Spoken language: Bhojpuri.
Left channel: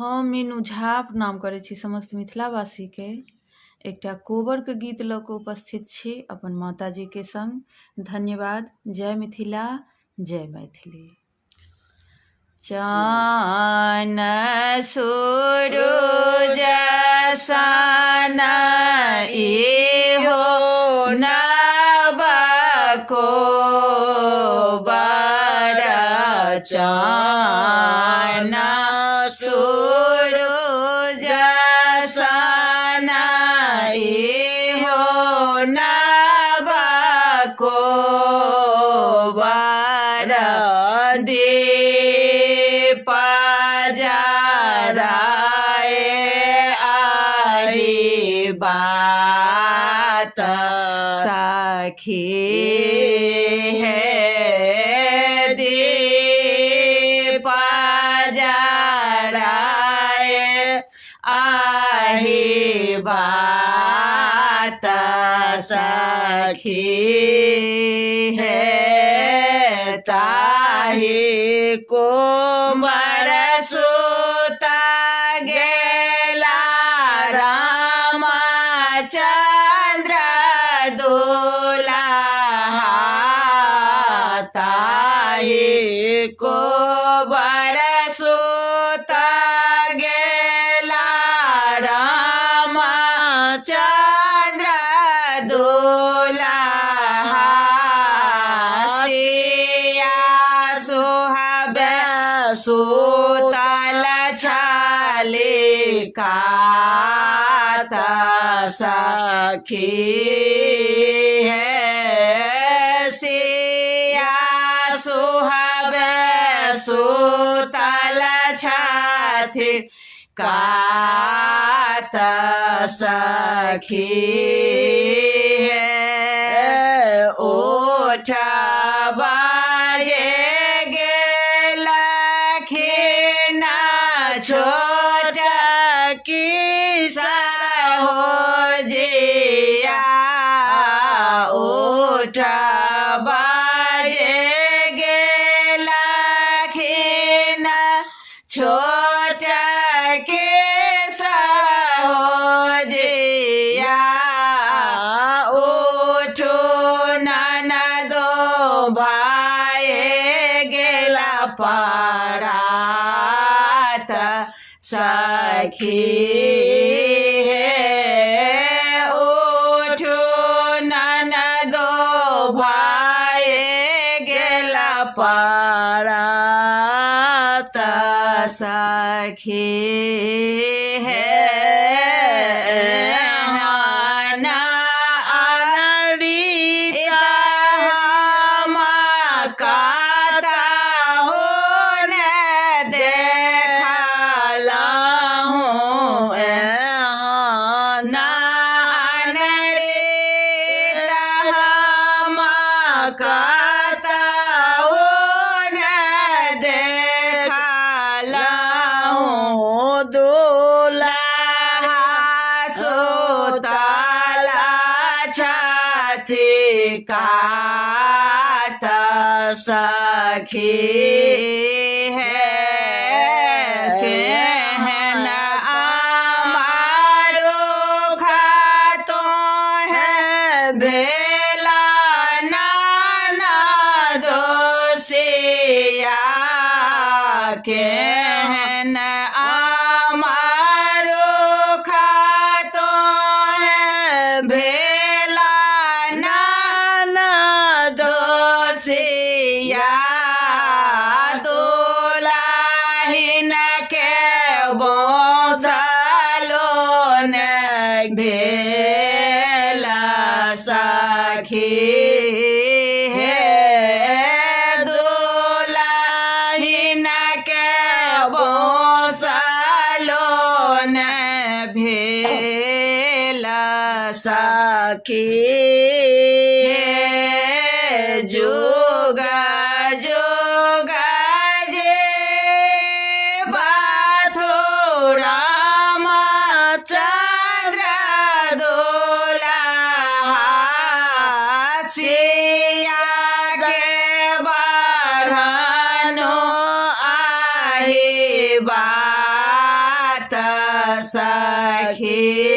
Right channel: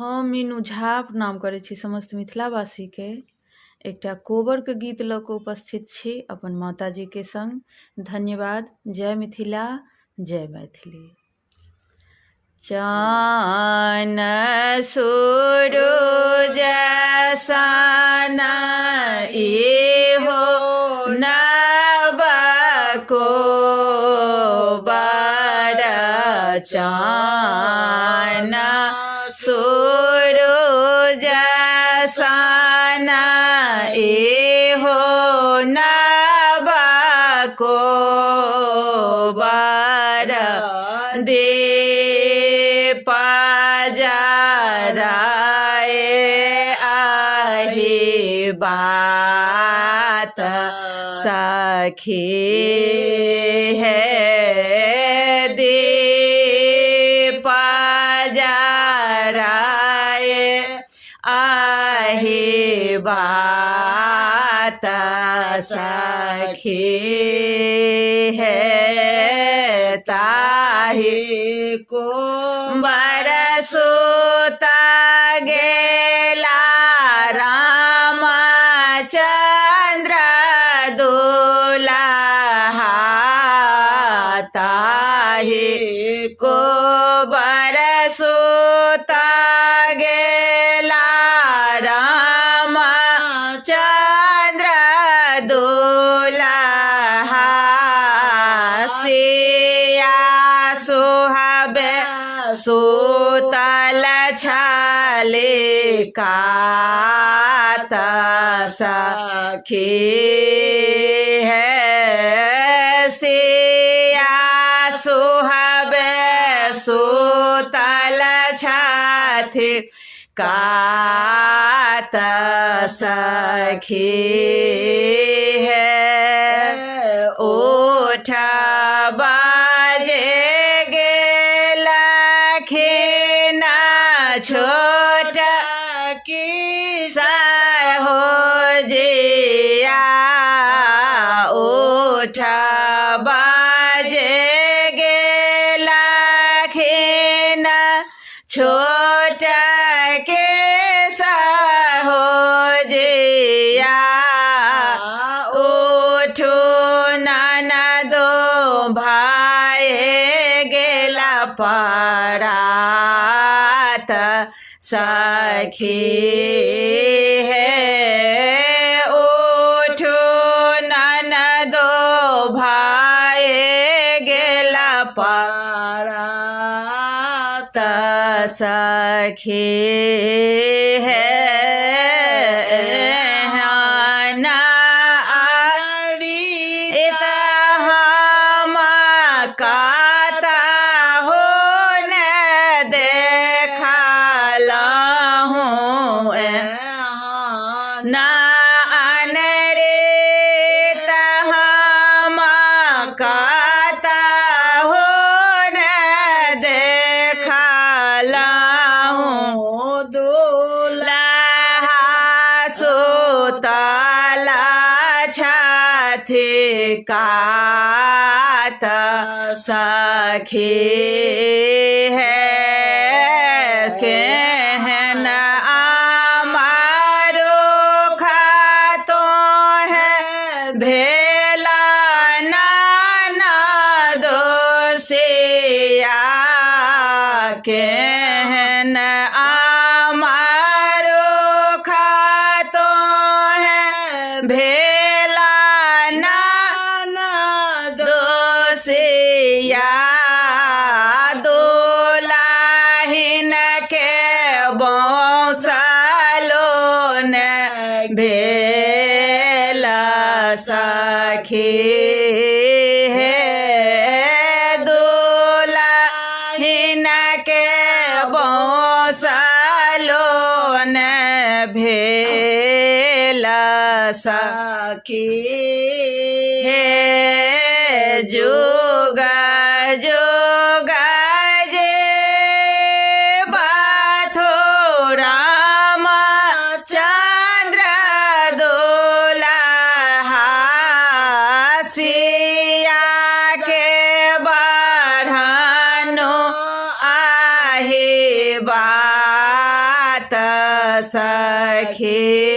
हम मीनू झा प्रणाम करै छी समस्त मिथिलावासीके। एकटा कोबरके गीत लऽ कऽ उपस्थित छी अपन माताजीके संग। धन्यवाद। जय मिथिला, जय मैथिली। चान सूरज सन इहो नव कोबर, चान सूरज सन इहो नव कोबर, दीप जराए आही बात सखी है, दीप जराए आही बात सखी है, ताही कुंवर सुता गेला रामचंद्र दुल्हा, ताही कुंवर सुता गेला रामचंद्र दुल्हा, सिया सुहाबे सुतल छलिकात सखी है, सिया सुहाबे सुतल छथि कात सखी है, ओठ बाजे गेलखिन छोट की हो जिया, ओठ बाजे गेलखिन छोट के हो जिया, उठो ननदो भाई गेला परात सखी है, उठो ननदो भाई गेला परात सखी है, काता हो न देखला हूँ नान रे, हम काता हो न देखला हूँ, दुल्हा सुतला छथि कात सखी है, सेहन आमारो खातो है भेला नाना दोसिया, केहन आमारो खातो है भेला नाना दोसिया, दुल्हिन के बौसलो न भेल सखी है, दुल्हिन के बौसलो न भेल सखी है, जुगा जुगा जे बाथो रामचंद्र दुल्हा, सिया के बढ़नो आही बा सखी